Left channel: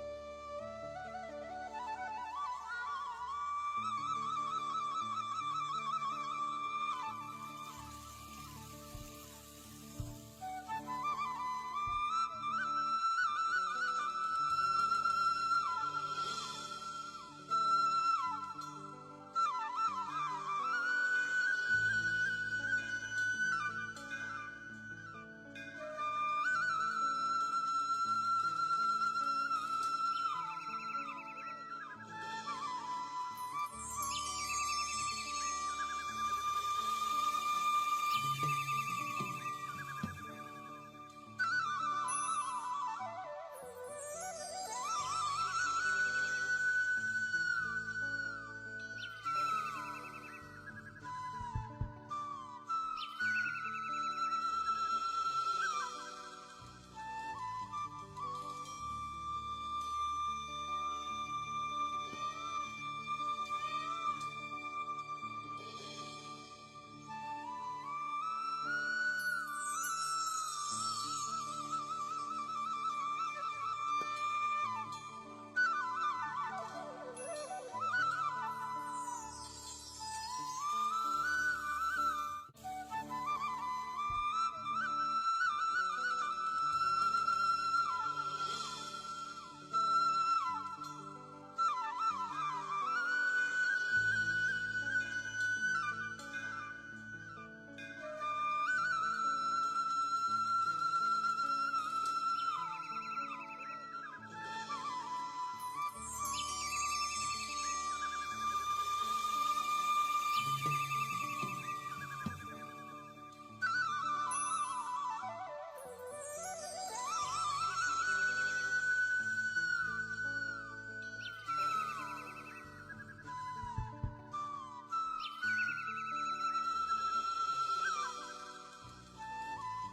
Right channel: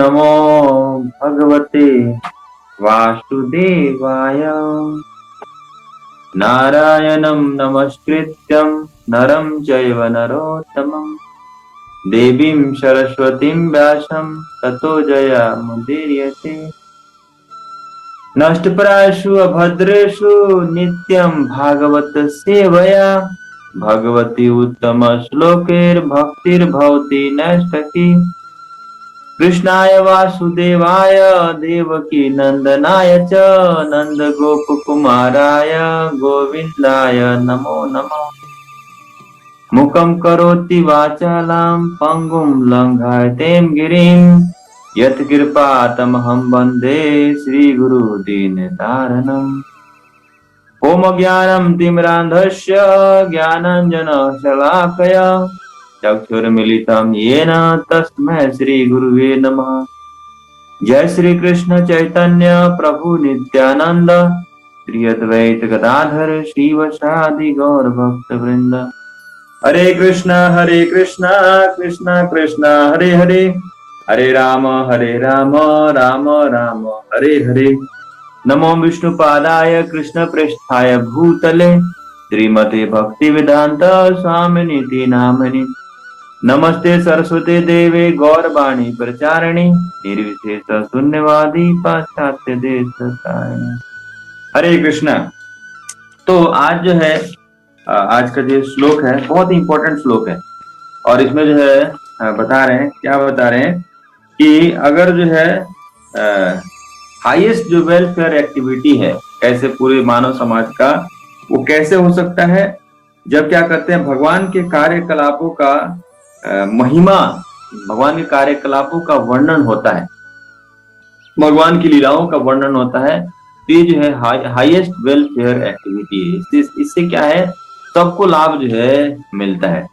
नमो भगवते वासुदेवाय। नारायणं नमस्कृत्यं नरं चैव नरोत्तमं देवीं सरस्वतीं व्यासं ततो जयमुदीरयते। नष्टप्रायेषु अभद्रेषु नित्यं भागवत सेवया भगवती उत्तम श्लोकैर्भक्तिर्भवति नैष्ठकी। कृष्णाय वासुदेवाय देवकी नंदनाय च नंद गोप कुमाराय गोविंदाय नमो नमः। मुखं करोति वाचालां पंगुं लंघयतें गिरिं यत्कृपातमहं वन्दे श्रीगुरुदीनतारिणम्। ॐ अज्ञानं तिमिरान्धस्य ज्ञानाञ्जनशलाकया चक्षुर्मिलितं येन तस्मै श्रीगुरुवे नमः। जय श्री कृष्ण चैतन्य प्रभु नित्यानंद श्री अद्वैत गदाधर शिवसादि गौर भक्त वृंद। हरे कृष्णा कृष्णा कृष्णा हरे हरे, हरे राम राम राम हरे हरे। नमो विष्णुपादाय कृष्ण पृष्ठाय भूतले श्रीमते भक्ति वेदांत स्वामिनीति नामनि। नमस्ते सरस्वती देवे गौरवाणी प्रचारिणी निर्विशेष शून्यवादी पाश्चात्य देश। हरे कृष्णा। तो आज जो है आज का जो श्लोक है बहुत इंपॉर्टेंट श्लोक है और इसमें जो है बता रहे हैं, क्या बता रहे हैं कि अगर जो है हाईएस्ट जो वेलफेयर एक्टिविटी है कैसे पूरे मानव समाज का वो कैसे हो सकता है जब क्या करते हैं भगवान के कार्यकलापों का महिमा, भगवान के कार्यकलापों का वर्णन होता है, भगवान की लीलाओं का वर्णन होता है। ये जो है हाईएस्ट वेलफेयर एक्टिविटी है। इससे क्या है सबको लाभ जो है मिलता है।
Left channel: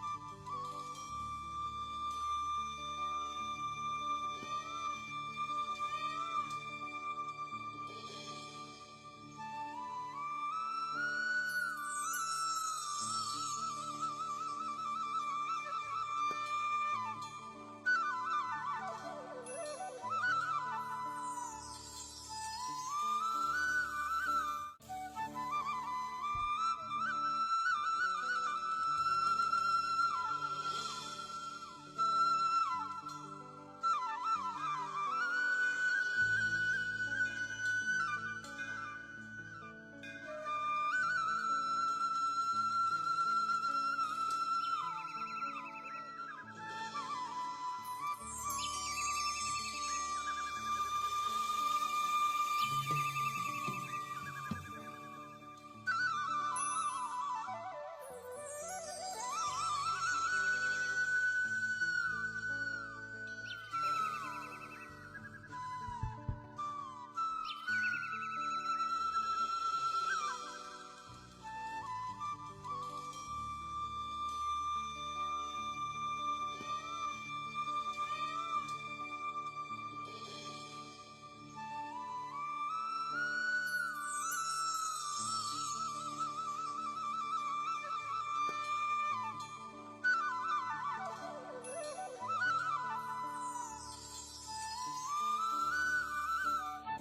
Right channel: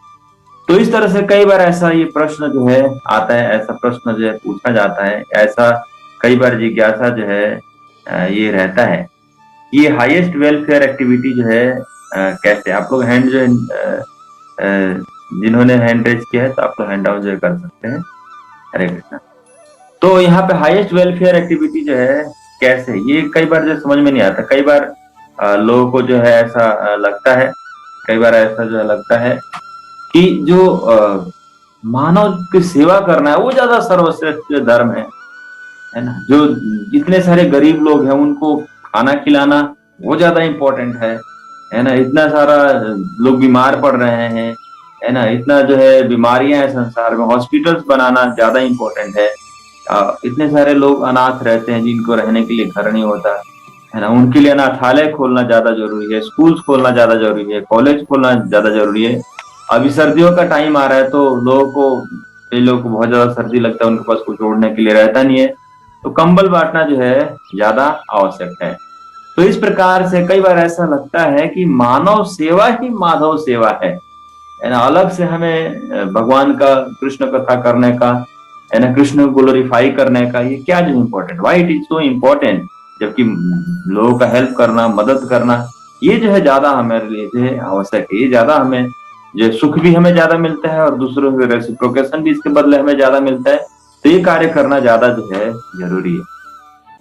तो इस तरह से कई बार ऐसा ये प्रश्न जो है आता है, ऐसा प्रश्न जो है पूछा जाता है, ऐसा कई बार जिज्ञासा जो है ये रहता है ये हाईएस्ट वेलफेयर एक्टिविटी जो है कैसे। आप लोग हैंड जो जिन्होंने हैंड रेज किया है तो आप लोग हैंड डाउन जो कर सकते हैं। हरे कृष्णा। तो यहाँ पे हाईएस्ट वेलफेयर एक्टिविटी जो है कैसे, ये कई बार जो समझ में नहीं आता। कई बार लोगों को जो है ऐसा लगता है, कई बार ऐसा जो लगता है कि जो मानव की सेवा करना है वो ज्यादा सर्वश्रेष्ठ धर्म है ना। जो इतने सारे गरीब लोग हैं उनको खाना खिलाना वो ज्यादा इम्पोर्टेंट है ना। इतना सारा लोग बीमार पड़ रहे हैं है ना, इतना जो है बीमारियां हैं संसार में, हॉस्पिटल्स बनाना ज्यादा इम्पोर्टेंट है। इतने सारे लोग अनाथ रहते हैं जिनको रहने के लिए घर नहीं होता है ना, उनके लिए अनाथालय खोलना ज्यादा जरूरी है, स्कूल्स खोलना ज्यादा जरूरी है, कॉलेज खोलना ज्यादा जरूरी है। अभी सर्दियों का टाइम आ रहा है तो कई लोगों को बहुत ज्यादा सर्दी लगता है, उनके पास कुछ ओढ़ने के लिए रहता नहीं है, तो कंबल बांटना जो है ज्यादा आवश्यक है। तो इस प्रकार से कई बार ऐसा लगता है कि मानव सेवा ही माधव सेवा है ना। अलग से हमें भगवान का कृष्ण कथा करने का है ना, कृष्ण को ग्लोरीफाई करने का ये क्या जो important, why it is so important, जबकि लोगों का हेल्प करना, मदद करना ये जो है ज्यादा हमारे लिए जो है आवश्यक है। ये ज्यादा हमें जो सुख भी हमें ज्यादा मिलता है और दूसरों की रेसिप्रोकेशन भी इसके बदले हमें ज्यादा मिलता है। तो ये कार्य करना ज्यादा जो है जरूरी है।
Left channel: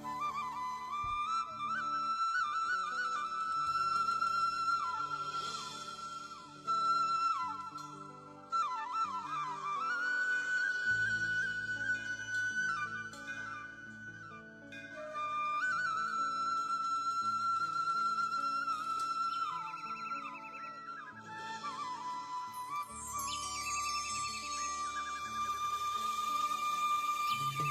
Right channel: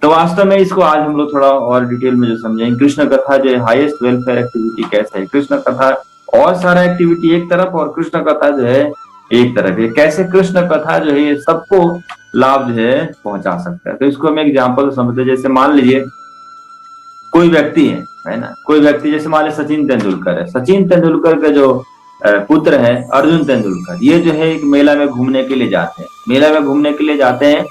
तो वास्तव में इसको आज हम लोग थोड़ा और डिटेल में जो समझेंगे, कृष्ण कथा जो है हाईएस्ट वेलफेयर एक्टिविटी कैसे है। कृष्ण कथा और सारा एक्टिविटी एक तरफ और कृष्ण कथा जो है एक तरफ है। कैसे कृष्ण कथा जो है ये सबको लाभ जो है पहुंचा सकता है। तो इसको हम एग्जाम्पल समझते हैं। जैसे मान लीजिए कोई व्यक्ति है ना, कोई व्यक्ति जैसे मान लीजिए सचिन तेंदुलकर है। सचिन तेंदुलकर का जो पुत्र है अर्जुन तेंदुलकर, ये जो है एक मेला में घूमने के लिए जाते हैं, मेला में घूमने के लिए जाते हैं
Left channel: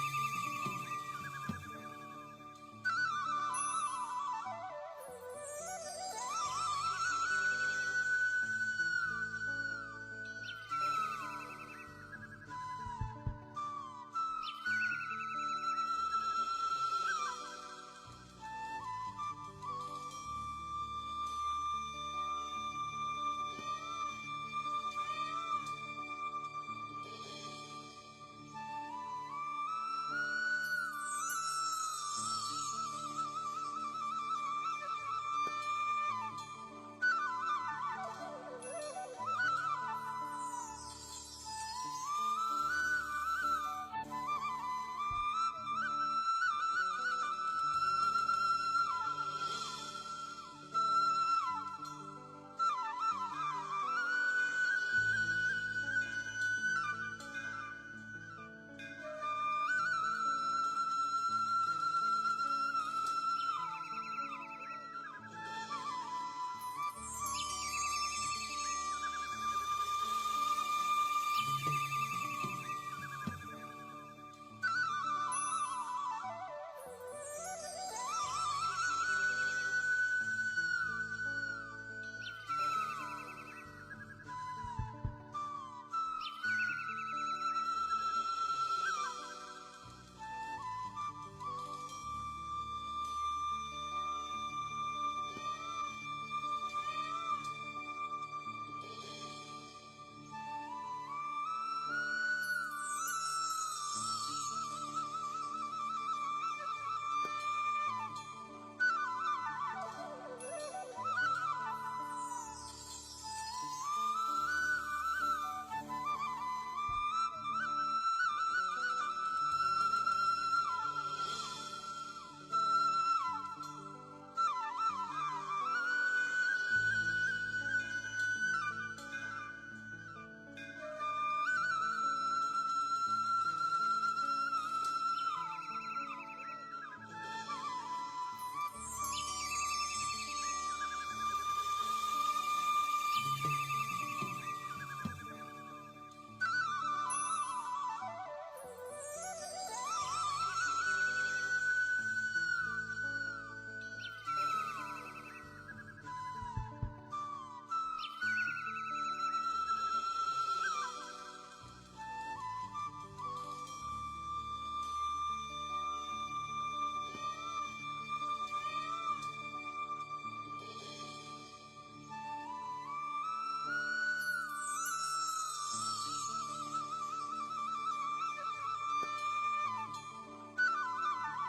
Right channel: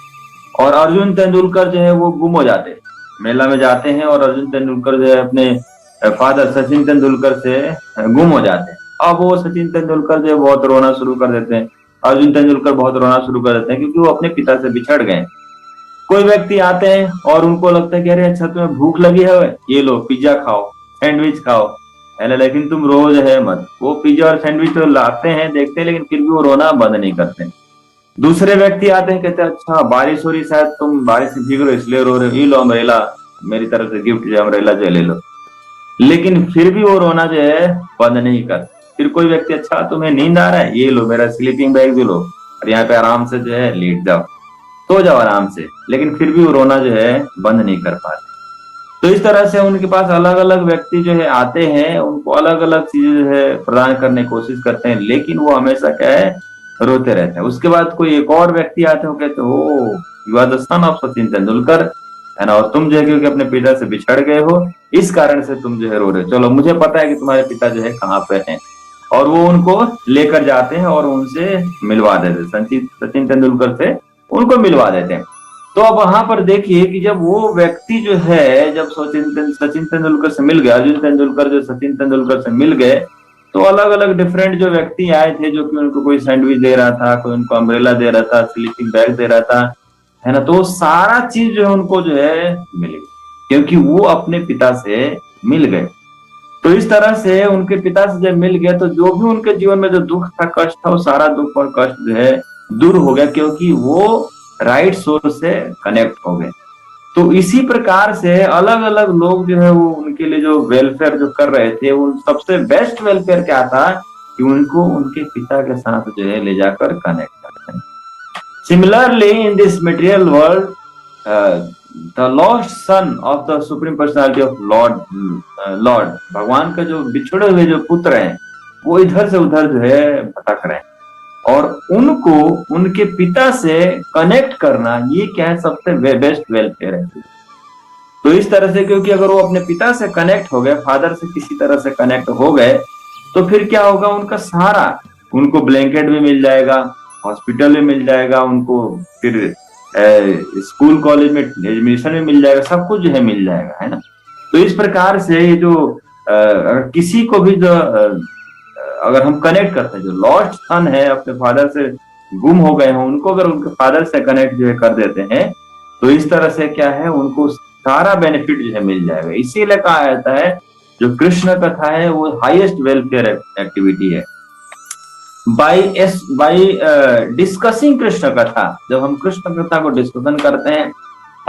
और अर्जुन तेंदुलकर जो है वो गुम हो जाते हैं। मेला में जाते हैं और अर्जुन तेंदुलकर जो है अपने फादर सचिन तेंदुलकर से गुम हो जाते हैं। अब वो सचिन तेंदुलकर जो है बहुत रोना शुरू कर देते हैं, अर्जुन तेंदुलकर बहुत रोना शुरू कर देते हैं क्योंकि वो अपने पिता से बिछड़ गए। कोई व्यक्ति आते हैं और उनको लगता है कि अरे अच्छा तुम्हें भूख लगी है, ये लो पिज्जा खाओ, सैंडविच खाओ है ना, लेकिन तुम रोज है मत। वो पिज्जा और सैंडविच तो लाते हैं, देखते हैं, लेकिन फिर भी वो रोना बंद नहीं करते। दूसरे व्यक्ति आते हैं, कहते हैं अच्छा बारिश हो रही, शायद तुम बारिश से भीग रहे हो इसलिए रो रहे हो, ये लो अम्ब्रेला, मेरी तरफ से गिफ्ट जो अम्ब्रेला जो ले लो, लेकिन फिर भी वो रोना जो है बंद नहीं कर। फिर कोई व्यक्ति अच्छा तुम्हें नींद आ रहा है, ये लो मेरा स्लीपिंग बैग भी लो और यहाँ पे आराम से जो है लेट जाओ। सो जाओ आराम से, लेकिन फिर भी वो रोना जो है बंद नहीं कर पाते। तो इस तरह से उनके पास अलग अलग व्यक्ति जो है आते हैं, उनको अलग अलग चीजें जो है प्रदान करने की कोशिश करते हैं, लेकिन वो हमेशा क्या है, रोते रहते हैं। उसके बाद कोई एक और व्यक्ति आते हो, कहते हो you are the son of Sachin Tendulkar, है ना, और तुम जो है क्योंकि अपने पिता से बिछड़ गए हो, इस कारण से तुम जो है रो रहे हो, चलो मुझे पता है कि तुम्हारे पिता जो है कहाँ पे हैं। और वो उनको लेकर जाते हैं और उनसे मिलवा देते हैं, सचिन सचिन तेंदुलकर से उनको मिलवा देते हैं। तो अब वहां पर देखिए कि जब वो व्यक्ति जो है, जब सचिन तेंदुलकर से मिल गया, अर्जुन तेंदुलकर जो सचिन तेंदुलकर से मिल गए, तो अलग अलग डिफरेंट जो व्यक्ति आए थे, जो कि उनको कोई सैंडविच दे रहा था, कोई उनको अम्ब्रेला दे रहा था, स्लीपिंग बैग दे रहा था, है ना, तो सारा चीज जो है उनको जो है मिल गई, क्योंकि वो अपने पिता से मिल गए। तो इस तरह से उनके पिता से जब मिल गए, तो जो भी उनके जीवन में जो दुख था, कष्ट था, वो सारा दुख और कष्ट जो है दूर हो गया, क्योंकि वो राइट सोर्स से कनेक्ट हो गए। तो इसी प्रकार से अलग अलग लोग जो है वो उनके लिए जो वेलफेयर जो कर रहे थे, उन सबसे बेस्ट वेलफेयर क्या था कि उनको उनके पिता के साथ जो है ले जाकर कनेक्ट करते हैं। Similarly in this material world, the lost son of the supreme personality of Lord, भगवान का जो बिछड़े हुए जो पुत्र हैं, वो इधर से उधर जो है भटक रहे हैं, और उनको उनके पिता से कनेक्ट करना, ये क्या है, सबसे बेस्ट वेलफेयर है। तो इस तरह से, क्योंकि अगर वो अपने पिता से कनेक्ट हो गए, फादर से किसी तरह से कनेक्ट हो गए, तो फिर क्या होगा, उनका सारा, उनको ब्लैंकेट भी मिल जाएगा, हॉस्पिटल भी मिल जाएगा, उनको फिर स्कूल कॉलेज में एडमिशन भी मिल जाएगा, सब कुछ जो है मिल जाएगा, है ना। तो इस प्रकार से ये जो अगर किसी को भी जो अगर हम कनेक्ट करते हैं, जो लॉस्ट सन है अपने फादर से गुम हो गए हैं, उनको अगर उनके फादर से कनेक्ट जो है कर देते हैं, तो इस तरह से क्या है, उनको सारा बेनिफिट जो है मिल जाएगा। इसीलिए कहा जाता है जो कृष्ण कथा है वो हाईएस्ट वेलफेयर एक्टिविटी है। बाई डिस्कसिंग कृष्ण कथा, जब हम कृष्ण कथा को डिस्कशन करते हैं,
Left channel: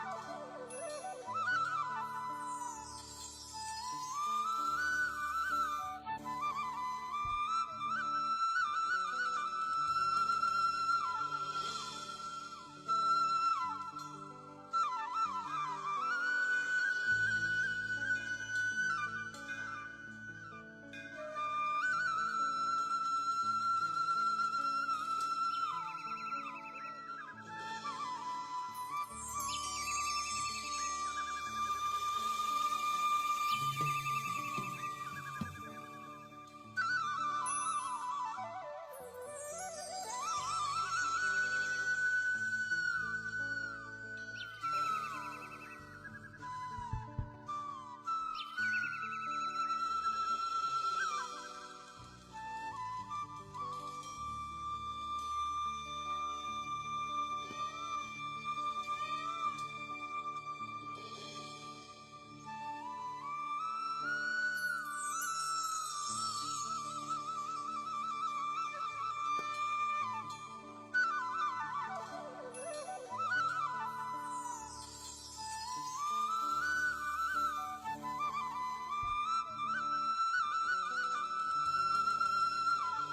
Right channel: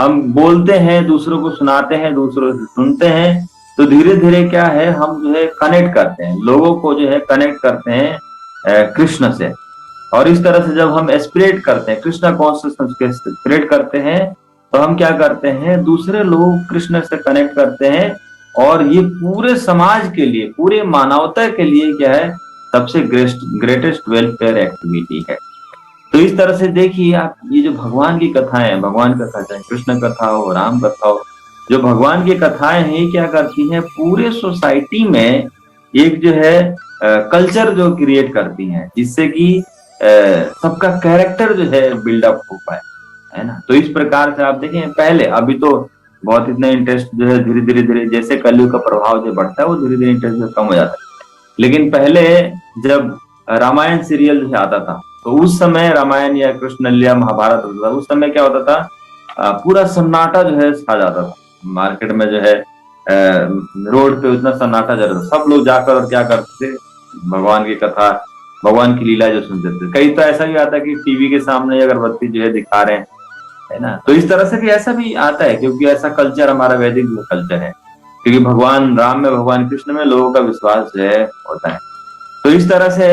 हम बोलते हैं, दूसरों को सुनाते हैं, दूसरों से सुनते हैं, तो धीरे धीरे क्या है, हम जो है कनेक्ट करते हैं, लोगों को जो है कनेक्ट करते हैं कृष्ण से। और इस तरह से जब हम एस्पिरेट करते हैं, कृष्ण कॉन्शियसनेस के एस्पिरेट करते हैं, तो हम क्या करते हैं, दूसरे लोग कृष्ण से कनेक्ट करते हैं, और ये पूरे समाज के लिए, पूरे मानवता के लिए क्या है, सबसे ग्रेटेस्ट वेलफेयर एक्टिविटी है। तो इस तरह से देखिए आप, ये जो भगवान की कथाएं हैं, भगवान कथा चाहे कृष्ण कथा हो, राम कथा हो, जो भगवान की कथाएं हैं क्या करती हैं, पूरे सोसाइटी में एक जो है कल्चर जो क्रिएट करती हैं, जिससे कि सबका कैरेक्टर जो है बिल्डअप हो पाए, है ना। तो इस प्रकार से आप देखें, पहले, अभी तो बहुत इतना इंटरेस्ट जो है धीरे धीरे धीरे जैसे कलयुग का प्रभाव जो बढ़ता है, वो धीरे धीरे इंटरेस्ट जो कम हो जाता है। लेकिन पहले जब रामायण सीरियल जो आता था, तो उस समय रामायण या कृष्ण लीला महाभारत होता था, उस समय क्या होता था, पूरा सन्नाटा जो है छा जाता था मार्केट में, जो है रोड पे उतना सन्नाटा जा रहा था, सब लोग जाकर और क्या करते थे, भगवान की कथा, भगवान की लीला जो सुनते थे। कई तो ऐसा भी आता है कि टीवी के सामने अगरबत्ती जो है दिखा रहे हैं, है ना। तो इस तरह से भी ऐसा भी आता है, क्योंकि ऐसा कल्चर हमारा वैदिक जो कल्चर है, क्योंकि भगवान राम में, भगवान कृष्ण में लोगों का विश्वास जो है होता है। तो इस तरह से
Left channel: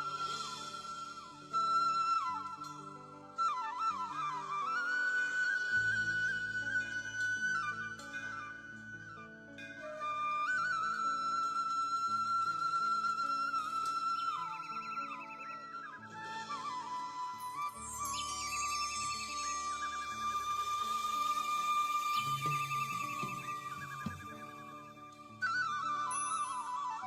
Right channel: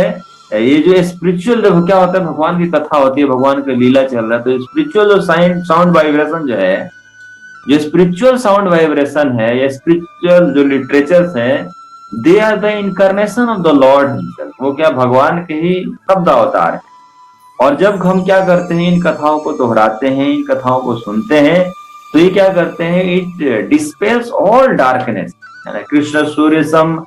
ये जो स्पिरिचुअल जो क्या होता है, भगवान की कथा होती है, भगवान का लीला चल रहा है, तो स्पिरिचुअल जो साउंड वाइब्रेशन जो है, जो स्पिरिचुअल साउंड वाइब्रेशन है, या स्पिरिचुअल जो लिटरेचर्स है, they are the incarnation of the lord himself, वो क्या भगवान के ही शब्द अवतार है। और जब हम क्या करते हैं, इन कथाओं को दोहराते हैं, इन कथाओं को सुनते हैं, तो ये क्या करते हैं, इट डिस्पेल्स ऑल डार्कनेस, है ना। कृष्ण सूर्य सम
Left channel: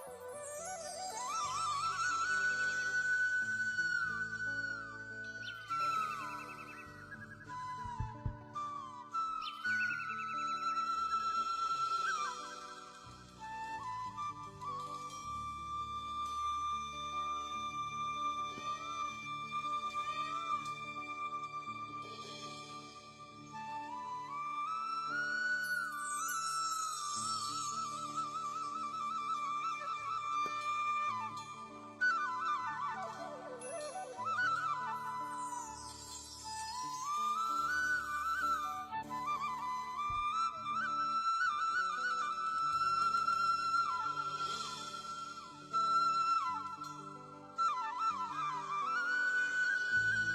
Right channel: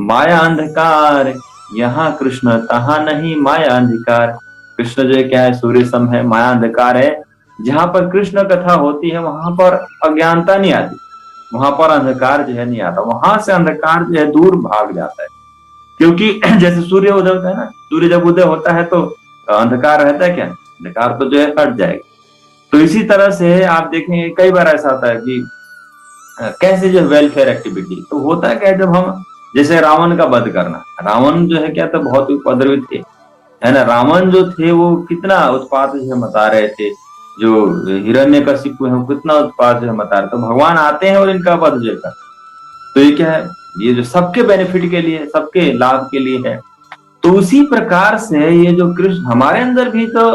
माया अंधकार, यहाँ कृष्ण तहाँ नहीं माया अंधकार। कृष्ण जो क्या है, सूर्य सम है, माया अंधकार है। जहां पर कृष्ण कथा होती है, वहां पर अज्ञानता नहीं आती, वहां पर अंधकार जो है नहीं आता, वहां से अंधकार जो है दूर भाग जाता है। क्योंकि जैसे सूर्य उदय होता है ना, सूर्य जब उदय होता है तो अंधकार रहता है क्या, अंधकार तो जो है हट जाएगा। तो इसी तरह से आप देखेंगे कई बार ऐसा होता है कि कैसे जो वेलफेयर एक्टिविटी, तो होता है क्या, जब हम जैसे रावण का वध करना, रावण जो है क्या, तो बहुत उपद्रवी थे, है ना। रावण जो थे वो कितना उत्पात जो है मचा रहे थे, जो हिरण्यकशिपु है वो कितना उत्पात जो है मचा रहे, तो भगवान आते हैं और इनका वध जो है, तो ये क्या है, ये जो सबके बेनिफिट के लिए, सबके लाभ के लिए है। तो उसी प्रकार से ये जो कृष्ण, हमारे अंदर भी तो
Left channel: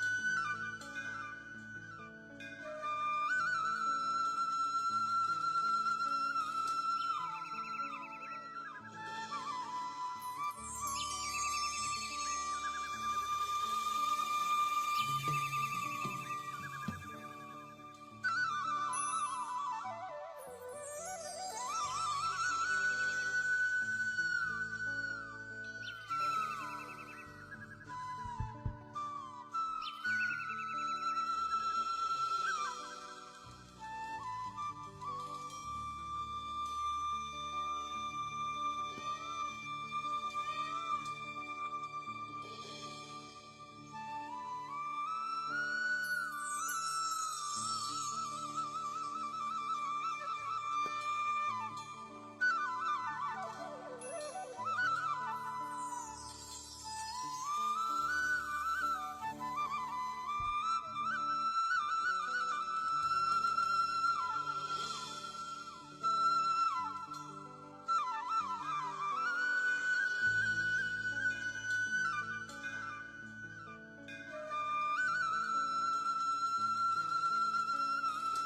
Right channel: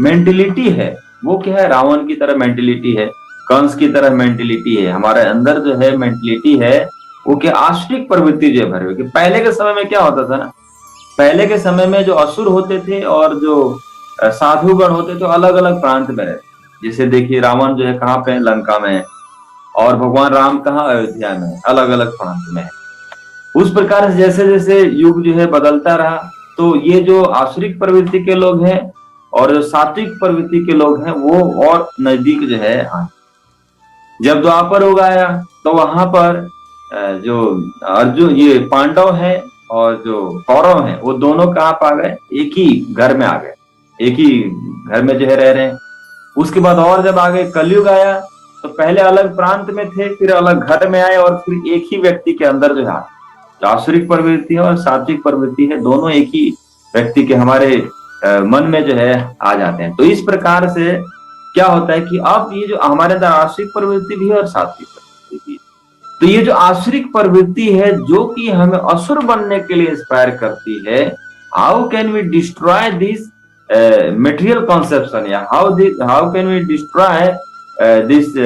मेंटेलिटी है, वो क्या है, रावण की तरह मेंटेलिटी है, कंस की तरह मेंटेलिटी है, हमारे अंदर जो है मेंटेलिटी है वो क्या आश्रित प्रवृत्ति जो है भरे हुए। कि पहले के समय में क्या होता था ना, पहले के समय में जो असुर होते थे और जो साधुगण होते थे अलग अलग प्रांत में रहते। जैसे देखिए रावण जो है कहाँ पे है, लंका में है, और भगवान राम कहाँ, अयोध्या में है, अलग अलग प्रांत में है। उस प्रकार से जैसे जैसे युग जो है बदलता रहा, तो ये जो आसुरिक प्रवृत्ति के लोग हैं और जो सात्विक प्रवृत्ति के लोग हैं वो और नजदीक जो है आए। जब द्वापर युग आया तो वहां पर जो अर्जुन, ये पांडव है और जो कौरव है वो दोनों कहाँ पा गए, एक ही घर में आ गए, एक ही घर में जो है रह रहे हैं। उसके बाद और जब आगे कलयुग आया तो पहले अलग प्रांत में थे, फिर अलग घर में आए, और फिर एक ही व्यक्ति के अंदर जो है आसुरिक प्रवृत्ति है और सात्विक प्रवृत्ति है, दोनों एक ही व्यक्ति के हमारे मन में जो है आ जाते हैं। तो इस प्रकार से क्या होता है कि अब ये जो हमारे अंदर आसुरिक प्रवृत्ति भी है और सात्विक प्रवृत्ति भी है। तो ये जो आसुरिक प्रवृत्ति है जो कि हमें असुर बनने के लिए इंस्पायर करती है, how can we destroy this material conception, या how can we destroy this,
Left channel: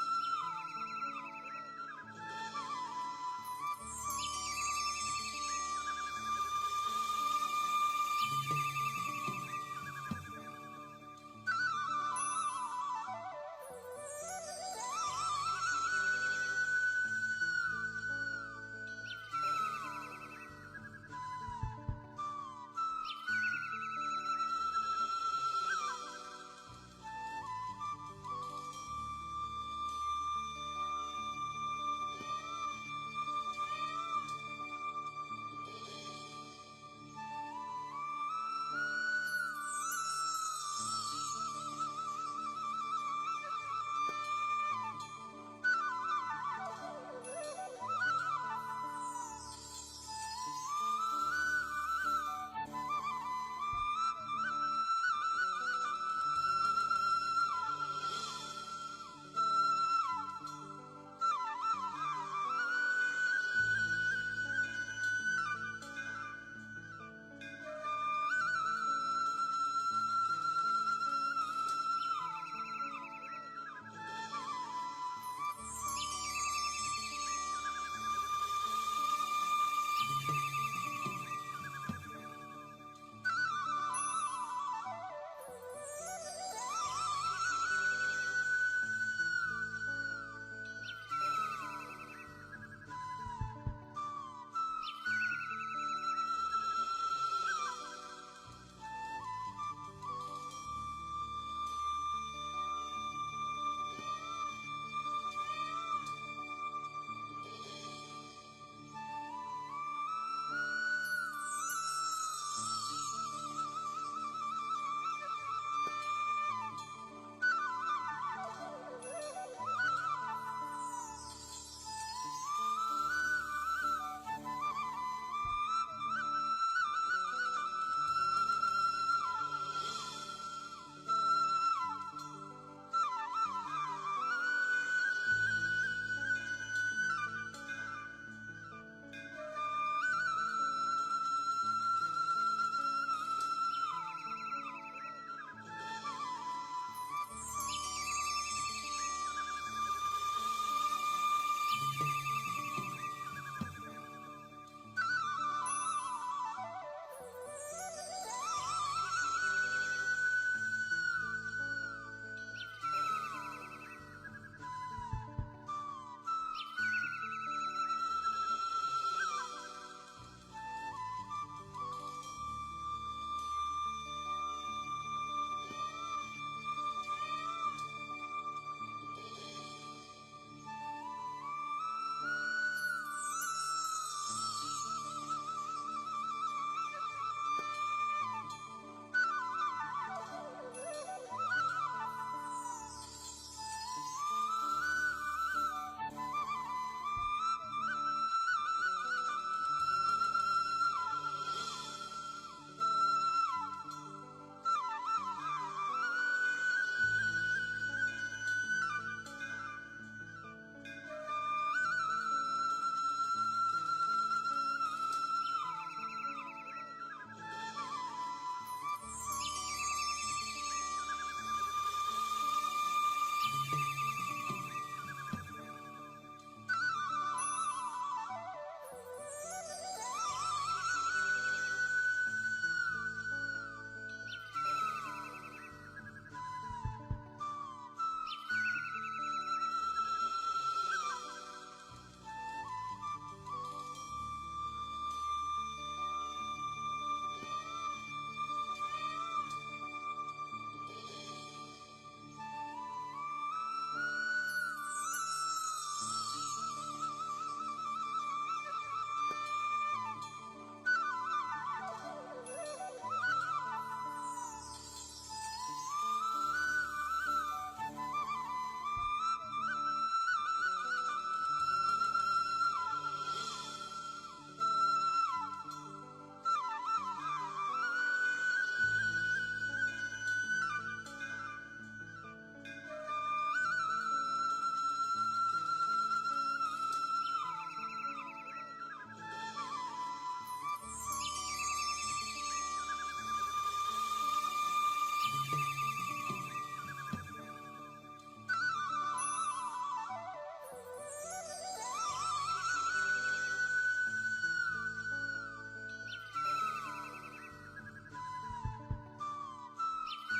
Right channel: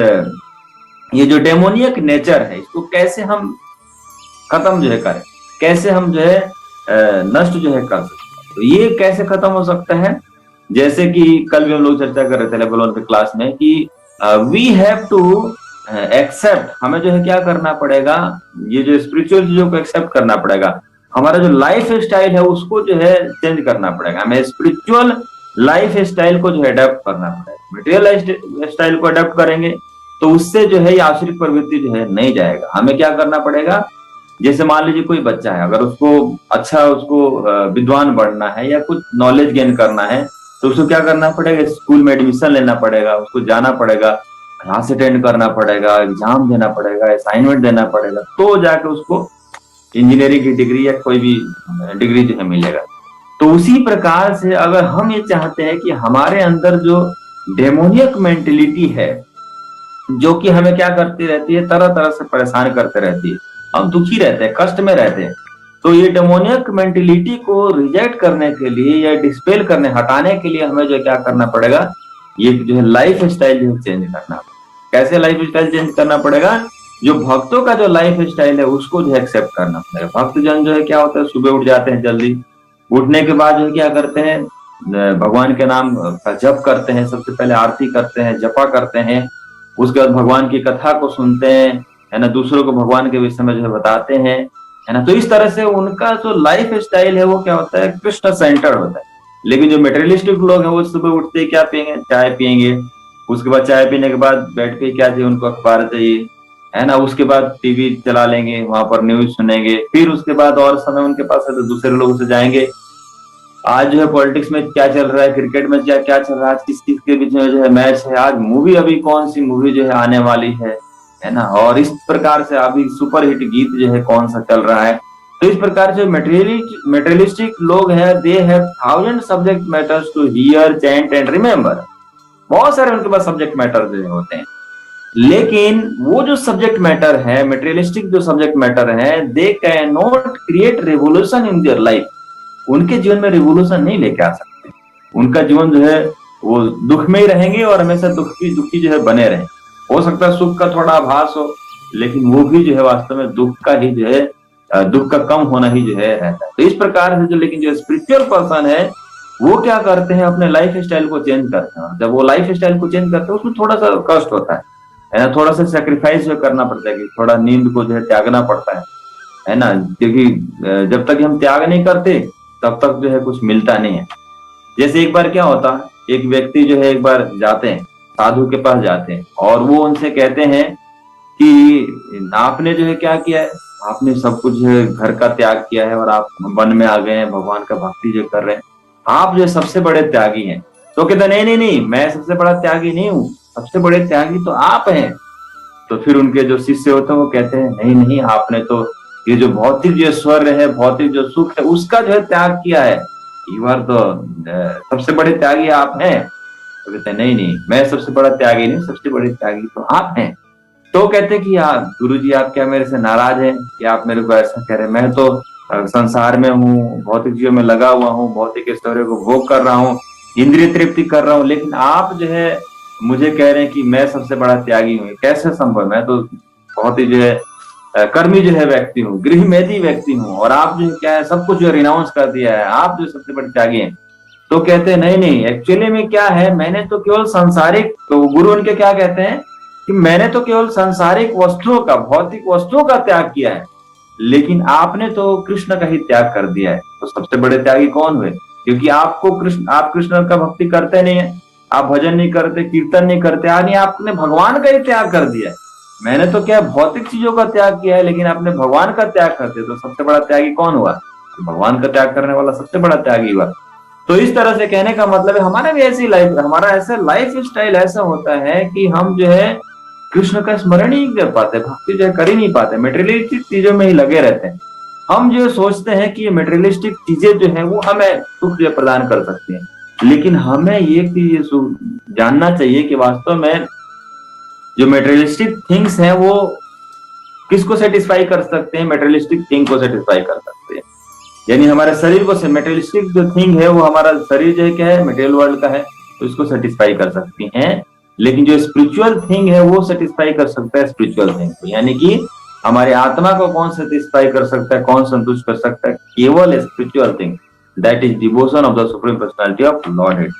ये जो डेमोनियक नेचर है इसको कैसे हम खत्म जो है करें, कैसे हम जो है नष्ट जो है कर सकते हैं। तो ये कैसे खत्म हो सकता है, जैसे कि कल भी हम लोग चर्चा कर रहे थे लेवल 1 के क्लास में कि वी हैव टू एक्सेप्ट, हमें जो है क्या करना पड़ेगा, ये जो स्पिरिचुअल चीजों को एक्सेप्ट करना पड़ेगा, हमारा जो लाइफ स्टाइल है उसको जो है चेंज करना पड़ेगा, हमें स्पिरिचुअल लाइफ स्टाइल को जो है अडेप्ट करना पड़ेगा। मटेरियल लाइफ स्टाइल को अडेप्ट करेंगे तो उससे जो है ये आसुरिक प्रवृत्ति जो है नहीं जाएगा। हमें क्या करना पड़ेगा, जैसे मान लीजिए कोई बच्चा है, अगर उसको अच्छा, उसको विद्वान बनना है या कुछ नॉलेज गेन करना है, तो उसको क्या करना पड़ेगा, स्कूल में एडमिशन लेना पड़ेगा, उसको जाना पड़ेगा, क्लास अटेंड करना पड़ेगा, एग्जाम देना पड़ेगा, असाइनमेंट देना पड़ेगा, तो जाके उसको इंजीनियरिंग की डिग्री या कोई भी डिग्री जो है मिलेगा। तो उसी प्रकार से अगर हम ये चाहते हैं कि हमारे अंदर जो डेमोनियक मेंटेलिटी है जो कि हमें क्या करती रहती है, तरह तरह से परेशान करते रहती है, हम दुखी रहते हैं, कष्ट में रहते हैं, तो ये डेमोनियक मेंटेलिटी को रिजेक्ट करने के लिए या डिस्पेल करने, हटाने के लिए हमें जो क्या करना पड़ेगा, ये जो है लाइफ स्टाइल जो चेंज करना। कैसे लाइफ स्टाइल चेंज करना पड़ेगा, जो भक्तों का जो लाइफ स्टाइल है उसको जो एक्सेप्ट करना पड़ेगा। भक्त जन जो है क्या होता है, सुबह उठ जाते हैं जल्दी, उठने के बाद जो क्या करते हैं, भगवान के नाम का जप करते हैं, सबसे पहले आरती करते हैं, जपा करते हैं, उसके बाद भगवान की कथा को सुनते हैं, है ना, दूसरों को भगवान के विषय में जो है बताते हैं, है ना। तो इस तरह से उनका जो लाइफ स्टाइल है वो क्या होता है, कृष्ण सेंटर होता है। लेकिन जो मेटेरियलिस्टिक लोग हैं वो सुबह उठते ही क्या पियेंगे, चाय पियेंगे, उसके बाद चाय पीने के बाद बैठ के क्या चाहिए उनको, अखबार चाहिए, है ना, उसके बाद टीवी चला लेंगे, वहां पर न्यूज सुनेंगे, फिर उसके बाद और समय उनके पास है तो दूसरे लोगों से जाएंगे, आज जो है पॉलिटिक्स में क्या चल रहा है, क्रिकेट में क्या क्या चल रहा है, आज किस किस के बीच में जो है मैच है, आज मूवी अभी कौन सी मूवी जो है आने वाली है ना, और इस प्रकार से अभी सुपर हिट गीत जो है कौन सा चल रहा है। तो इस प्रकार से मेटेरियलिस्टिक लोग हैं, they have thousand subject matters to hear, chant and remember, बहुत सारे उनके पास सब्जेक्ट मैटर जो होते हैं। लेकिन वो जो सब्जेक्ट मैटर है, मेटेरियलिस्टिक जो सब्जेक्ट मैटर है, they can not create revolution in their life, उनके जीवन में रिवोल्यूशन नहीं लेके आ सकते। उनका जीवन जो है वो दुख में ही रहेंगे और हमेशा दुखी दुखी जो है बने रहे। हो सकता है सुख का थोड़ा आभास हो, लेकिन वो भी जो है वास्तव में दुख का ही जो है, दुख का कम होना ही जो है रहता है। तो इस प्रकार से जो, लेकिन जो स्पिरिचुअल पर्सन है वो क्या करते हैं, अपने लाइफ स्टाइल को चेंज करते हैं। जब वो लाइफ स्टाइल को चेंज करते हैं उसमें थोड़ा सा कष्ट होता है ना, थोड़ा सा सेक्रीफाइस करना पड़ता है, कि थोड़ा नींद को जो है त्यागना पड़ता है ना, क्योंकि जब तक हम त्याग नहीं करते तब तक जो है कुछ मिलता नहीं है। जैसे एक बार क्या होता, एक व्यक्ति जो है एक बार जाते हैं, साधु के पास जाते हैं, और वो उनसे कहते हैं कि आपने जो है क्या किया है, आपने सब कुछ जो है घर का त्याग किया है और आप वन में आ गए हैं, भगवान का भक्ति जो कर रहे हैं, आप जो सबसे बड़े त्यागी हैं। तो कहते नहीं नहीं नहीं, मैं सबसे बड़ा त्यागी नहीं हूँ, सबसे बड़े त्यागी तो आप हैं। तो फिर उनके जो शिष्य होते हैं वो कहते हैं नहीं नहीं, आपने तो ये जो भौतिक जो ऐश्वर्य है, भौतिक जो सुख है, उसका जो है त्याग किया है, एक बार तो सबसे बड़े त्यागी आप हैं। तो कहते हैं नहीं नहीं, मैं सबसे बड़ा त्यागी नहीं, सबसे बड़े त्यागी तो आप हैं। तो कहते हैं कि यार गुरु जी, आप क्या मेरे से नाराज हैं कि आप मेरे को ऐसा कह रहे हैं, मैं तो संसार में हूँ, भौतिक जीवन में लगा हुआ हूँ, भौतिक ऐश्वर्य को भोग कर रहा हूँ, इंद्रिय तृप्ति कर रहा हूँ, लेकिन आप जो है मुझे कह रहे हैं कि मैं सबसे बड़ा त्यागी हूँ। कैसे संभव? मैं तो बहुत ही जो है कर्मी जो है व्यक्ति हूँ, गृहमेधी व्यक्ति हूँ, और आप जो है क्या है सब कुछ जो रिनाउंस कर दिया है, आप जो सबसे बड़े त्यागी हैं। तो कहते हैं नहीं नहीं, एक्चुअली में क्या है, मैंने तो केवल सांसारिक, तो गुरु उनके क्या कहते हैं कि मैंने तो केवल सांसारिक वस्तुओं का, भौतिक वस्तुओं का त्याग किया है, लेकिन आपने तो कृष्ण का ही त्याग कर दिया है। तो सबसे बड़े त्यागी कौन हुए? क्योंकि आपको कृष्ण, आप कृष्ण का भक्ति करते नहीं है, आप भजन नहीं करते, कीर्तन नहीं करते, यानी आपने भगवान का ही त्याग कर दिया है। मैंने तो क्या भौतिक चीजों का त्याग किया है, लेकिन आपने भगवान का त्याग कर दिया। तो सबसे बड़ा त्यागी कौन हुआ? भगवान का त्याग करने वाला सबसे बड़ा त्यागी हुआ। तो इस तरह से कहने का मतलब है हमारा भी ऐसी लाइफ, हमारा ऐसा लाइफ स्टाइल ऐसा होता है कि हम जो है कृष्ण का स्मरण ही नहीं कर पाते, भक्ति जो है कर ही नहीं पाते, मेटेरियलिस्टिक चीजों में ही लगे रहते हैं। हम जो सोचते हैं कि ये मेटेरियलिस्टिक चीजें जो है वो हमें सुख जो प्रदान कर सकती हैं, लेकिन हमें ये चीज जानना चाहिए कि वास्तव में जो मेटेरियलिस्टिक थिंग्स हैं वो किसको सेटिस्फाई कर सकते हैं? मेटेरियलिस्टिक थिंग को सेटिस्फाई कर सकते हैं। यानी हमारे शरीर को, मेटेरियलिस्टिक जो थिंग है वो हमारा शरीर जो है क्या है, मटेरियल वर्ल्ड का है, तो इसको सेटिस्फाई कर सकती हैं। लेकिन जो स्पिरिचुअल थिंग है वो सेटिस्फाई कर सकता है स्पिरिचुअल थिंग को। यानी कि हमारी आत्मा को कौन सेटिस्फाई कर सकता है, कौन संतुष्ट कर सकता है? केवल spiritual thing, that is devotion of the supreme personality of Lord.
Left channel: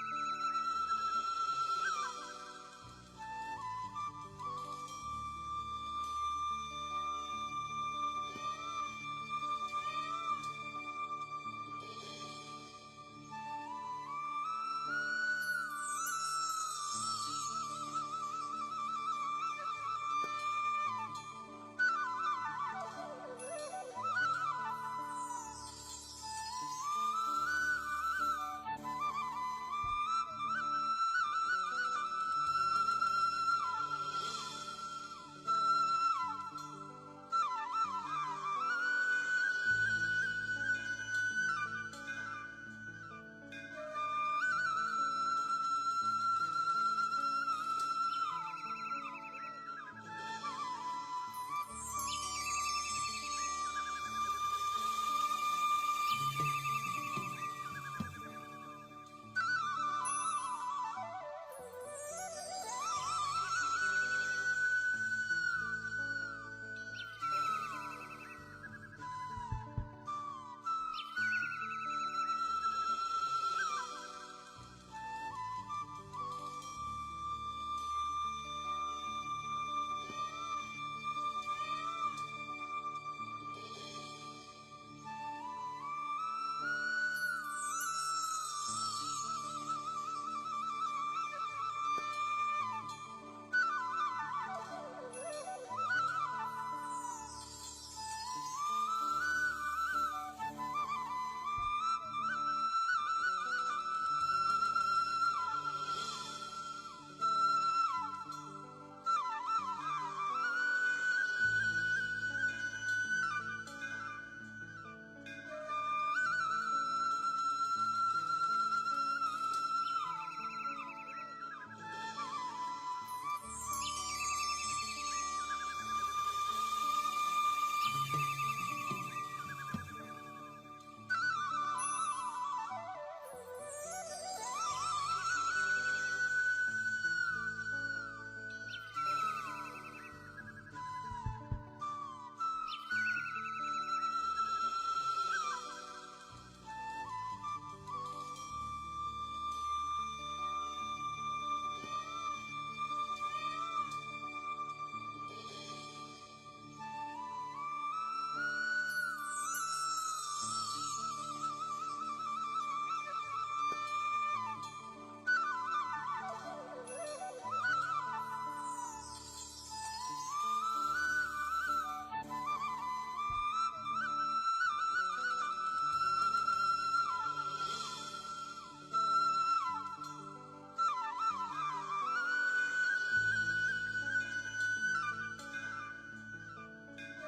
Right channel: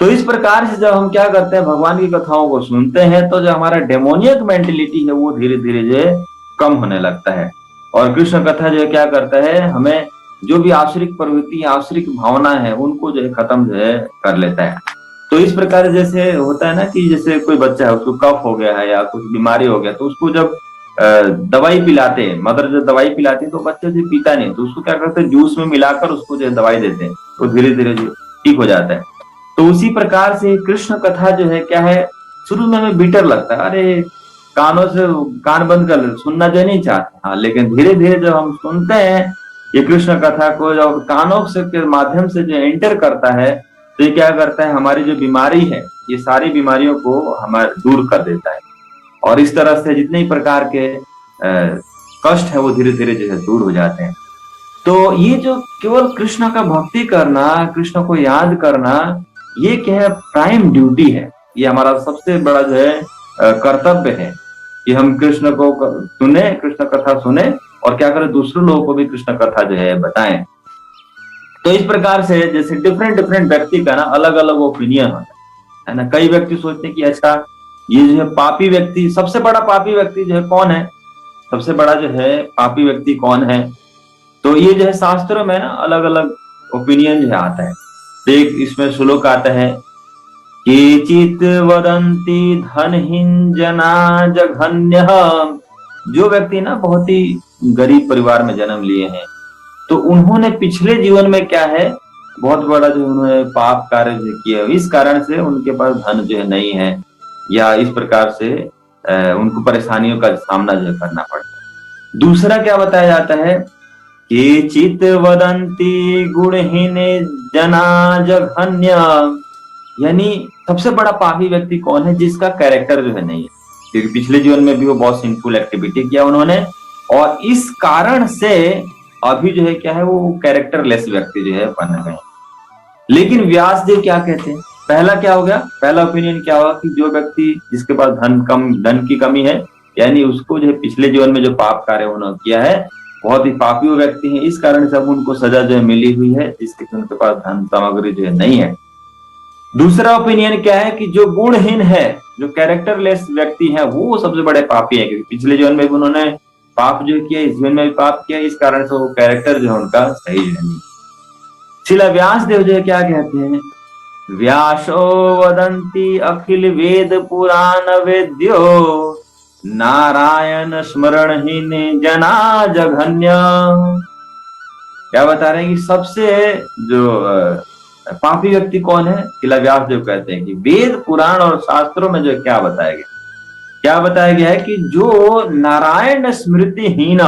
तो इस प्रकार से जब हम क्या करते हैं, भगवान की कथाओं को सुनते हैं, तो जो हमारा डेमोनियक मेंटेलिटी है वो धीरे धीरे जो है कम होने लगता है। और कृष्ण कथा जो है क्या करता है, हमें जो भी आश्रिक प्रवृत्ति, आश्रिक भावना है, उनको जो है खत्म जो है कर लेता है। तो इस प्रकार जैसे होता है ना कि जैसे कोई बच्चा है, उसको कफ हो गया है या कुछ बीमारी हो गया, तो उसको जब दवाई पिलाते हैं, मदर जब दवाई पिलाती है तो बच्चे जो पीता नहीं, तो उसको क्या करते हैं, जूस में मिलाकर उसको जो है दवाई देते हैं, तो धीरे धीरे जो ठीक हो जाता है। तो उसी प्रकार से कृष्ण कथा जो है क्या है, शुरू में हमें बीटर लगता है, अरे कानों से कान बंद कर सुनना जो नहीं चाहते, हाँ, लेकिन धीरे धीरे जब हम सुनते हैं ये कृष्ण कथा को, जब कानों से के माध्यम से जो एंटर करता है, तो ये क्या करता है, हमारी जो बीमारी है, ये सारी बीमारियों को हमारे दूर कर देता है। और इस तरह से जितने ही प्रकार के कष्ट है वो धीरे धीरे जो है दूर हो जाते हैं। तो ये जो केवल कृष्ण का भक्ति करना, कृष्ण को याद करना, ये क्या है, प्राइम ड्यूटी है। ये हमारा सबसे बड़ा जो है कर्तव्य है कि हम कृष्ण को सुने, कृष्ण कथा सुने, और क्या करें, दूसरे लोगों को भी कृष्ण कथा जो है बताएं। तो इस प्रकार से जैसे डिफरेंट डिफरेंट व्यक्ति का ना अलग अलग ओपिनियन है ना। कई व्यक्ति सोचते हैं कि अच्छा ये जो है पापी व्यक्ति, सबसे बड़ा पापी व्यक्ति जो है कौन है, सबसे बड़ा जो है पापी व्यक्ति कौन है? तो ये जो है शास्त्रों में ना अलग अलग ओपिनियन जो है आता है। तो एक इसमें श्लोक आता है, केचित वदन्ति धनहीन जना जघन्य। जो व्यक्ति ना बहुत ही गरीब परिवार में जन्म लिए हैं, तो उन्होंने पिछले जीवन में क्या है, बहुत बड़ा जो उन्होंने पाप कार्य जो किया, इस कारण से उनके पास धन जो है नहीं है, या इस प्रकार से उनको परेशानियों का सामना जो करना पड़ता। दूसरा क्या बताया जाता है, केचित वदन्ति गुणहीन जना जघन्य। यानी सबसे बड़ा पापी व्यक्ति कौन है, जिसका कैरेक्टर जो है नहीं है, क्योंकि पिछले जीवन में भी वो बहुत सिंफुल एक्टिविटी किया उन्होंने, और इस कारण से अभी जो है क्या है, वो कैरेक्टरलेस व्यक्ति जो है बन गए। लेकिन व्यास देव क्या कहते हैं, पहला क्या हो गया, पहला ओपिनियन क्या होगा कि जो व्यक्ति जिसके पास धन की कमी है, यानी उसको जो है पिछले जीवन में जो पाप कार्य उन्होंने किया है, बहुत ही पापी व्यक्ति है, इस कारण से अब उनको सजा जो है मिली हुई है, जिसके उनके पास धन सामग्री जो है नहीं है। दूसरा ओपिनियन क्या है कि जो गुणहीन है, जो कैरेक्टरलेस व्यक्ति है, वो सबसे बड़े पापी है, क्योंकि पिछले जीवन में भी उन्होंने पाप जो किया, इस जीवन में भी पाप किया, इस कारण से वो कैरेक्टर जो है उनका सही नहीं। शिला व्यास देव जो है क्या कहते हैं, व्यासो वदन्ति अखिल वेद पुराण वेद्यो नारायण स्मरणहीन जना जघन्य। क्या बता रहे हैं कि सबसे जो पापी व्यक्ति कौन है, शिला व्यास देव कहते हैं कि वेद पुराण और शास्त्रों में जो क्या बताया गया, क्या बताया गया है कि जो नारायण स्मृतिहीन,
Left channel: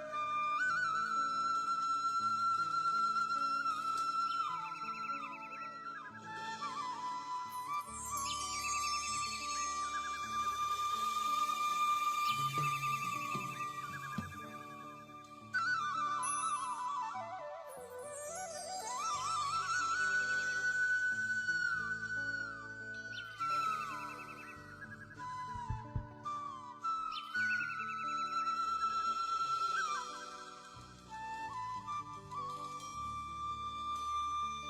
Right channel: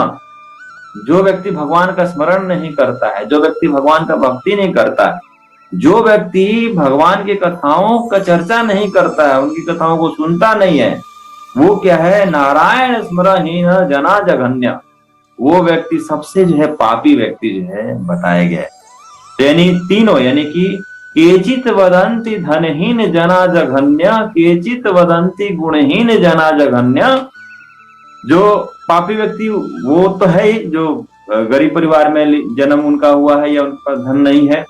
जो व्यक्ति भगवान का स्मरण नहीं करता है, जो व्यक्ति भगवान का भक्ति नहीं करता है, जो व्यक्ति भगवान की कथाओं का चर्चा नहीं करता है, उनकी कथाओं को सुनता नहीं है, वो क्या है, नारायण स्मरणहीन जना जघन्य, वो व्यक्ति सबसे जो है पापी व्यक्ति जो है बताया गया है। यानी तीनों, यानी कि केचित वदंती धनहीन जना जघन्य, केचित वदंती गुणहीन जना जघन्य। जो पापी व्यक्ति वो तो है ही, जो गरीब परिवार में जन्म उनका हुआ है या उनके पास धन नहीं है,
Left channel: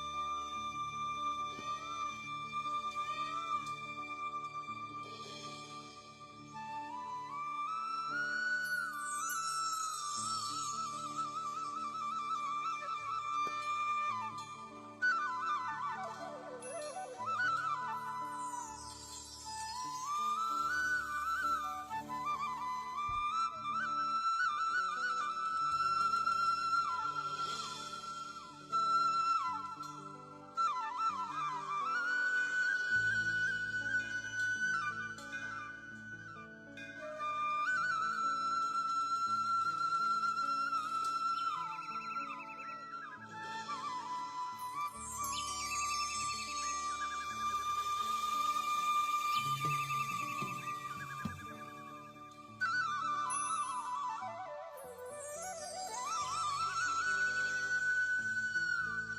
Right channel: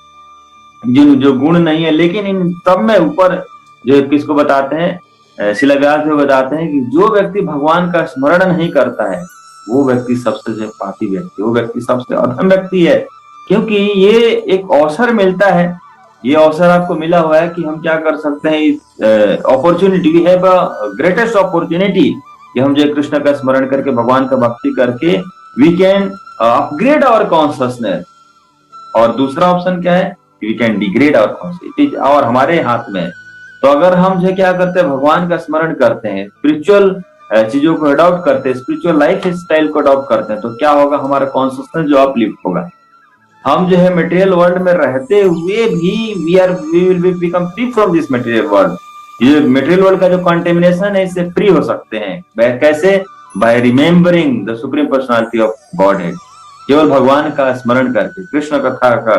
जिन जो गुण नहीं है, लेकिन इन सब में ऊपर जो किसको बताते हैं, शिलान्यास में बताते हैं कि जो व्यक्ति भगवान का स्मरण नहीं करता है वो व्यक्ति सबसे जो पापी व्यक्ति, वो व्यक्ति सबसे अधम व्यक्ति है। क्योंकि ये एक अवसर मिलता है, ये अवसर आपको मिला हुआ है कि हम क्या कर सकते हैं, इस opportunity, we have a greatest opportunity कि हम जो कृष्ण का स्मरण करके भगवान का भक्ति करके we can upgrade our consciousness. और दूसरा ऑप्शन क्या है, we can degrade our consciousness, और हमारे हाथ में। तो अगर हम जो क्या करते हैं, भगवान का स्मरण करते हैं, स्पिरिचुअल चीजों को अडॉप्ट करते हैं, स्पिरिचुअल लाइफ स्टाइल को अडॉप्ट करते हैं, तो क्या होगा, हमारा कॉन्शियसनेस जो अपलिफ्ट होगा। हम जो है मटेरियल वर्ल्ड में रहते हुए भी we will be become free from this material world. ये मटेरियल वर्ल्ड का जो कंटेमिनेशन है इससे फ्री हो सकते हैं। कैसे? By remembering the supreme personality of Godhead, केवल भगवान का स्मरण करके, कृष्ण कथा का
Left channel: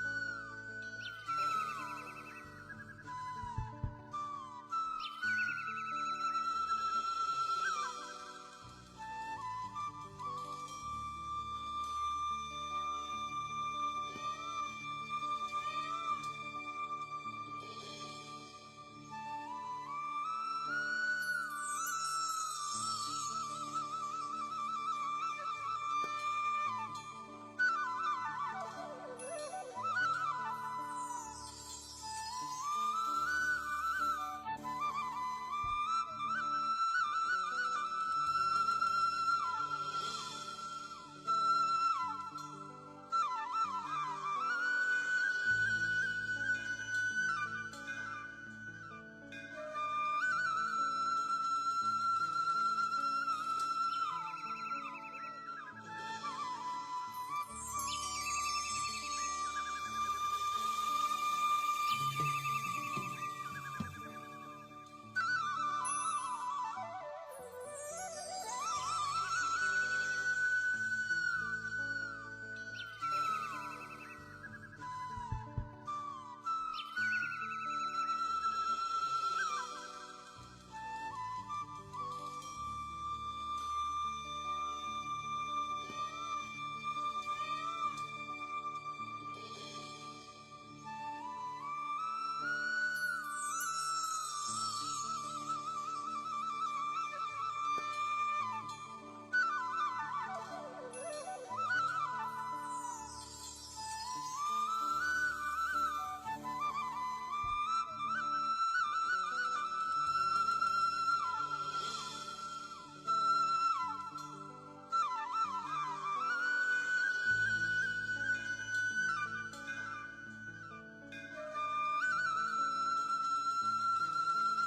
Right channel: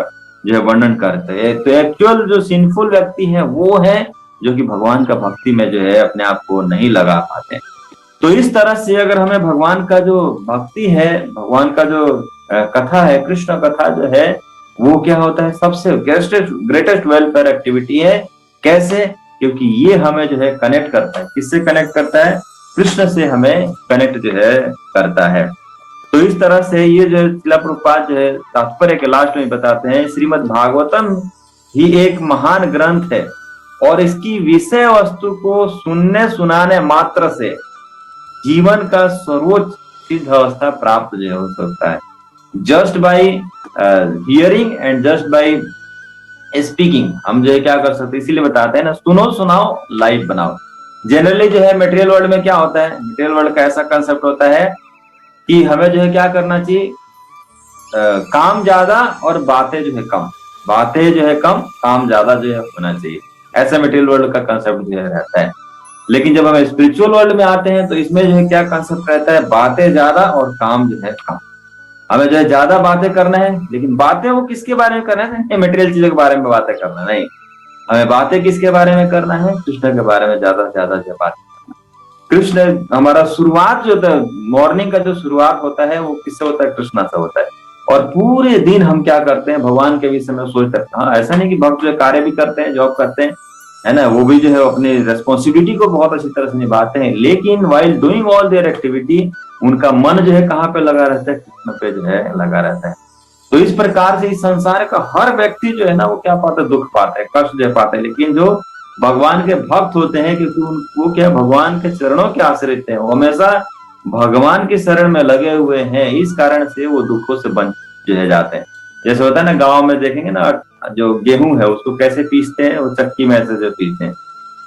जो है वर्णन करते हैं। तो एक्चुअल जो सिंफुल व्यक्ति है वो है जो कि भगवान का भक्ति में जो है अपने आप को नहीं लगा पाते। तो इस तरह से अगर हमें भगवान का जो भक्ति है, भगवान का जो कथा है, कृष्ण कथा जो है, वो क्या होता है, सबसे ग्रेटेस्ट वेलफेयर एक्टिविटी है। कैसे? क्योंकि ये हमें जो है कनेक्ट करता है, किससे कनेक्ट करता है, कृष्ण से हमें कनेक्ट जो है करता है। तो इस तरह से ये जो शिला प्रभुपाद जो है तात्पर्य के लास्ट में बताते हैं, श्रीमद् भागवतम ही एक महान ग्रंथ है और इसकी विषय वस्तु को सुनने सुनाने मात्र से जीवन का सर्वोच्च सिद्ध अवस्था प्राप्त जो हो सकता है। Just by hearing and just by speaking हम जो है क्या कर सकते हैं, इसीलिए बताते हैं ना, सुनो सुनाओ लाइफ बनाओ। जनरली जो है मटेरियल वर्ल्ड में क्या होता है, मटेरियल वर्ल्ड का ऐसा कंसेप्ट होता है कि हमें जो है क्या करना चाहिए, काम ज्यादा और बातें जो है कम, बातें जो है कम, काम ज्यादा जो है होना चाहिए। ऐसा मटेरियल वर्ल्ड का कंसेप्ट जो है रहता है। लेकिन जब हम स्पिरिचुअल वर्ल्ड में आते हैं तो इसमें जो है क्या कंसेप्ट रहता है, बातें ज्यादा और काम जो है कम। हमें जो है ज्यादा बातें करना है, लेकिन बातें वो किसके बारे में करना है, मटेरियल चीजों के बारे में बातें करना नहीं। हमें बातें किसके बारे में करना है, कृष्ण के बारे में ज्यादा से ज्यादा जो बात। कृष्ण हमारा शुरुआत जो होता है, मॉर्निंग का जो शुरुआत होता है वो किससे होता है, कृष्णा से होता है। और पूरे दिन हम क्या करते हैं, भगवान के विषय में सोचते हैं। हाँ, ऐसा नहीं कि भक्त जो कार्य भी करते हैं, जॉब करते हैं, है ना, वो भी जो है अपनी रेस्पॉन्सिबिलिटी को बहुत अच्छी तरह से निभाते हैं, लेकिन while doing all there activity उनका मन जो है कहाँ पे लगा रहता है, कृष्ण पे जो है लगा रहता है। तो इस प्रकार से इस संसार का हर व्यक्ति जो है ना वो क्या पाता है, दुख पाता है, कष्ट जो पाता है। लेकिन जो भगवान के भक्त होते हैं, क्योंकि वो क्या भगवान के चरणों के आश्रित हैं, वो हमेशा भगवान के शरण में लगे हुए हैं, इस कारण से वो दुखों से बच जो है जाते हैं। जैसे होता है ना, गांव में देखेंगे ना, जो गेहूं है उसको कैसे पीसते हैं, वो चक्की में ऐसे जो पीसते हैं,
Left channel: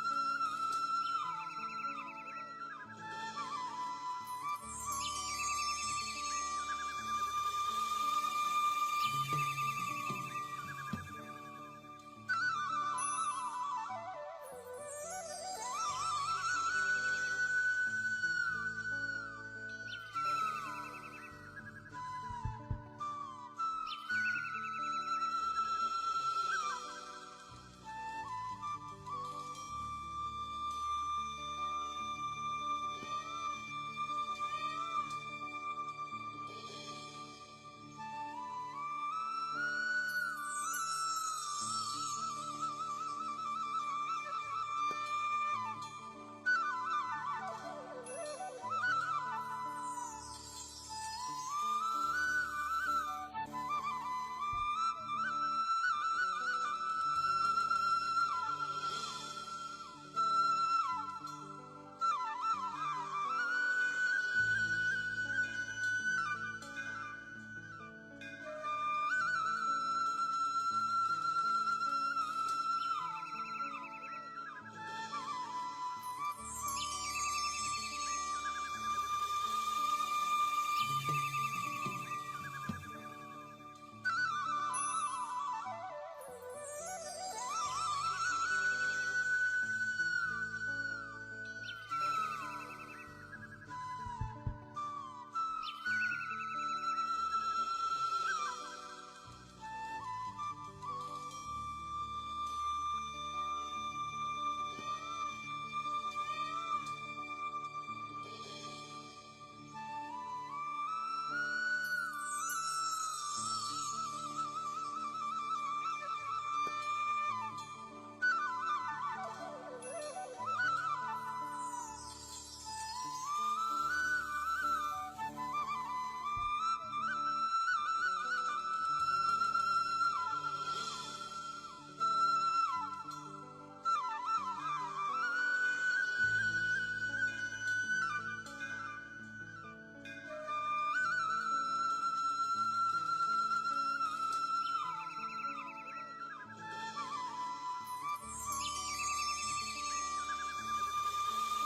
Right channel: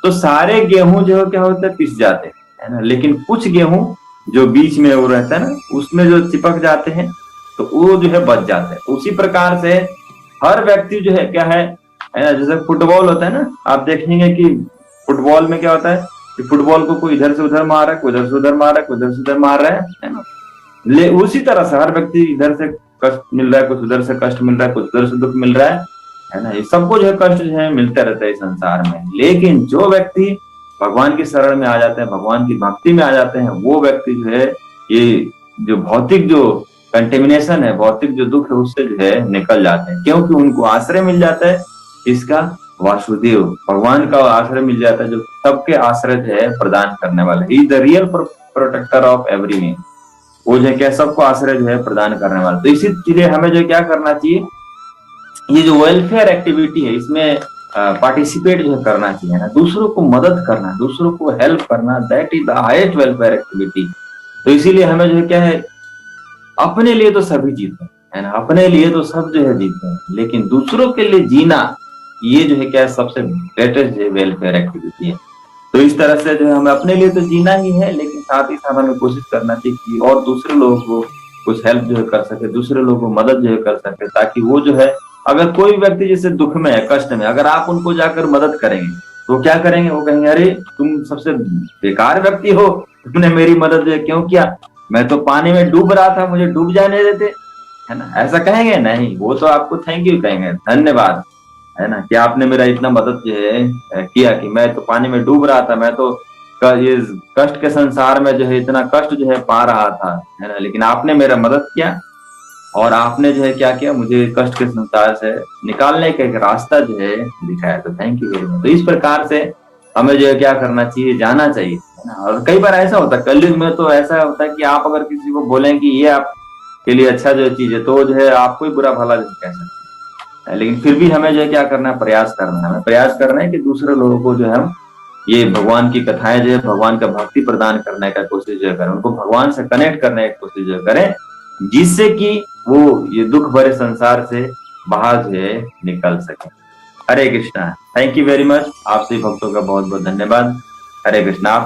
तो सारे गेहूं जो क्या होता है, पिस जाते हैं, है ना। लेकिन कुछ गेहूं जो बीच में वो रहता है ना, उसमें जो चिपक जाते हैं तो वो जो है बच जाते हैं। उसी प्रकार से हर व्यक्ति जो है क्या है ना, जैसे फुटबॉल होता है ना, आप देखेंगे कि फुटबॉल में क्या होता है कि फुटबॉल को कोई इधर से उधर मार रहा है, कोई इधर से उधर मार रहा है, कोई इधर से उधर मार रहा है ना। उसी तरह से हर व्यक्ति इधर से कष्ट मिल रहा है, कुछ उधर से कष्ट मिल रहा है, कुछ उधर से दुख मिल रहा है ना। ये सबको जो है कष्ट जो है मिलता रहता है इस संसार में। लेकिन जो व्यक्ति भगवान की शरण में आ जाते हैं, भगवान की भक्ति में आ जाते हैं, वो व्यक्ति जो है ये जो भौतिक जो कंटेमिनेशन है, भौतिक जो दुख है, उससे जो है निकल जाते हैं, क्योंकि उनको आश्रय मिल जाता है इसका, वासुदेव भगवान का आश्रय मिल जाता है, जो सबके आश्रय जो है प्रदान करने वाले, he the real protector of everyone. वो जो क्या सबको आश्रय जो है प्रदान करने वाला। तो इसीलिए हमें जो क्या करना चाहिए, ये जो वेलफेयर एक्टिविटी है इसमें पार्टिसिपेट जो करना चाहिए ना, दूसरों को मदद करना, दूसरों को हेल्प करना, that is the highest welfare activity. तो इसीलिए हमें जो क्या है, अपने लिए तो सभी जीते है ना, अपने लिए तो सब जो है जीते हैं, लेकिन दूसरों के लिए जीना ये जो है क्या है, सबसे ग्रेटेस्ट वेलफेयर एक्टिविटी है। तो इस तरह से जो है हमें अपने लिए तो जीना ही है, लेकिन साथ ही साथ हमें कोशिश करना चाहिए कि और दूसरे लोगों को कुछ हेल्प जो है कर सके, दूसरे लोगों को मदद जो है कर सके, ताकि वो जो है, अगर कोई व्यक्ति जैसे दुख में है, कष्ट में, अगर आप उनको जाकर मदद करेंगे तो क्या करेंगे, वो कहेंगे अरे तुम सबसे बेकार व्यक्ति हो, तुमने मेरी मदद जो है क्यों किया, मैं तो पानी में डूब रहा था, मुझे डूब जाने देते, है ना। ऐसा कहेंगे नहीं, वो तो आपको थैंक यू कहेंगे, धन्यवाद, है ना, कि आपने मेरा इतना मदद जो है किया, कि मैं तो पानी में डूब रहा था, मैं तो ये कष्ट के संसार में जो है इतना कष्ट जो है पा रहा था, है ना, लेकिन आपने मेरा मदद किया और आपने जो है क्या किया, मुझे कष्ट के संसार से निकालने का एक रास्ता जो है दिखाया। तो थैंक यू वेरी मच। तो इस प्रकार से हमें जो है क्या करना चाहिए, जाना चाहिए, है ना। और कई बार ऐसा होता है कलयुग में, तो ऐसा होता है कि आप अगर किसी को बोलें कि ये आपके लिए अच्छा जो चीज है, तो वो जो है आपको ही बुरा भला जो कह सकते हैं। लेकिन फिर भी हमें जो है क्या करना है, प्रयास करना है, हमें प्रयास करना है कि दूसरे लोगों को जो है हम ये भगवान की कथाएं जो है, भगवान का भक्ति प्रदान करने का कोशिश जो है करें, उनको भगवान से कनेक्ट करने की कोशिश जो है करें, जिससे कि वो ये दुख भरे संसार से बाहर जो है निकल सके। Hare Krishna. Thank you very much. आप सभी भक्तों का बहुत बहुत धन्यवाद। हरे कृष्णा।